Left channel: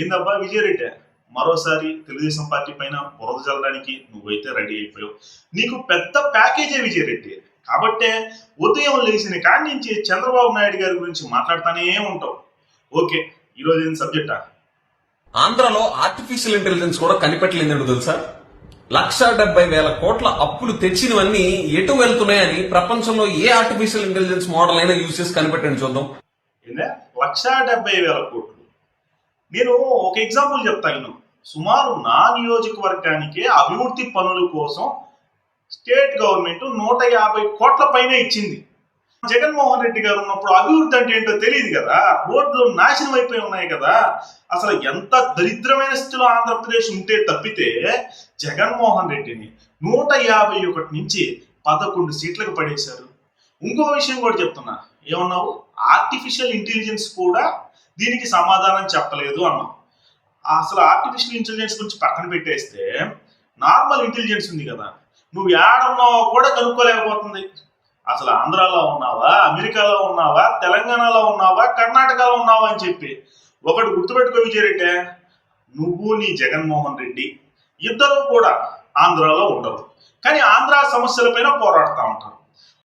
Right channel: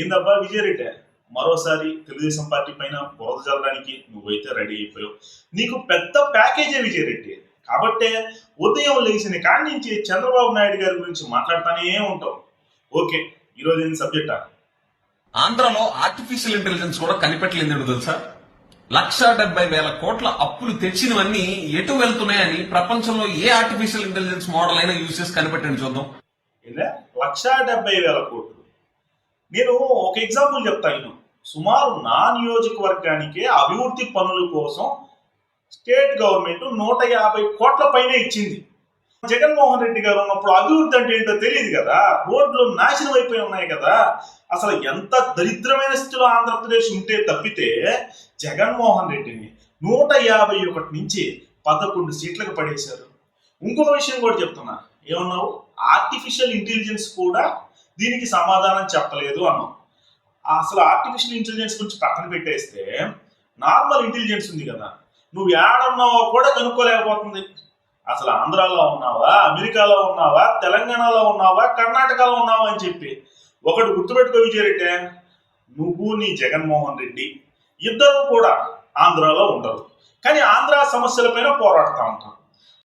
ఏందబ్బా విజయరెడ్డి మరోసారి తెలుగుదేశం పార్టీ పైన బురద చల్లడానికి నువ్వైతే రెడీ అయిపోయావు. నీకు పెద్ద ప్యాకేజే విజయరెడ్డి కాబట్టే ఉదయం లేచిన కాడి నుంచి చంద్రబాబు నాయుడు గారి గురించి మాట్లాడుతూనే ఉంటావు. ఓకే ఈరోజు ఏం సబ్జెక్టా? ఆంధ్రలో ఆర్టిఫిషియల్ ఇంటెలిజెన్స్ కూడా కనిపెట్టలేదు తెలుసా? లక్ష డెబ్బై వేల కోట్ల అప్పులు తెచ్చినవన్నీ ఎటు వెళ్తున్నాయని ప్రపంచంలో ఏ ఆర్టిఫిషియల్ ఇంటెలిజెన్స్ మోడల్ అయినా యూజ్ చేసి కనిపెట్టండి చూద్దాం. ఏందే? లక్షా డెబ్బై వేల కోట్లు. నేను ఒక ఎగ్జాంపుల్ చెప్తాను సుమారు నా నియోజకవర్గానికే అభివృద్ధి పనుల కోసం స్టేట్ గవర్నమెంట్ నూట యాభై కోట్ల పైన ఇచ్చింది. జగన్మోహన్ రెడ్డి గారు ఉన్నప్పుడు అభివృద్ధి అంటే ఏంటో తెలియదు కదా? రోడ్లు నాశనం అయిపోయి ఉన్నాయి కదా? అసలు ఎంత దరిద్రమైన స్థితిలో ఆంధ్రప్రదేశ్ ఉంటే తప్పితే జగన్మోహన్ రెడ్డిని నూట యాభై ఒకటి నుంచి పదకొండు సీట్లకు పడేశారు. ఇంకొక విషయం కూడా చెప్తున్నా. ఏమన్నావు? ఆర్టిఫిషియల్ ఇంటెలిజెన్స్ కూడా దీనికి సమాధానం చెప్పలేదు అన్నాం. అసలు ఆర్టిఫిషియల్ ఇంటెలిజెన్స్ గురించి పక్కన పెట్టేస్తే నార్మల్ ఇంటెలిజెన్స్ ఉంది కదా. నువ్వు ఏడున్నావో కూడా కనుక్కోలేకపోతుంది. అసలు ఆంధ్రాలో ఉన్నావా అమెరికాలో ఉన్నావా తెలంగాణలో ఉన్నావా కర్ణాటకలో ఉన్నావా అని చెప్పి ఒకటి గుర్తుపెట్టుకో విజయరెడ్డి నువ్వు నీ జగన్మోహన్ రెడ్డి ఇద్దరు కూడా ఆంధ్రాలో ఉండరు. కానీ ఆంధ్ర సమస్యలపైన పోరాడుతూ ఉంటారు.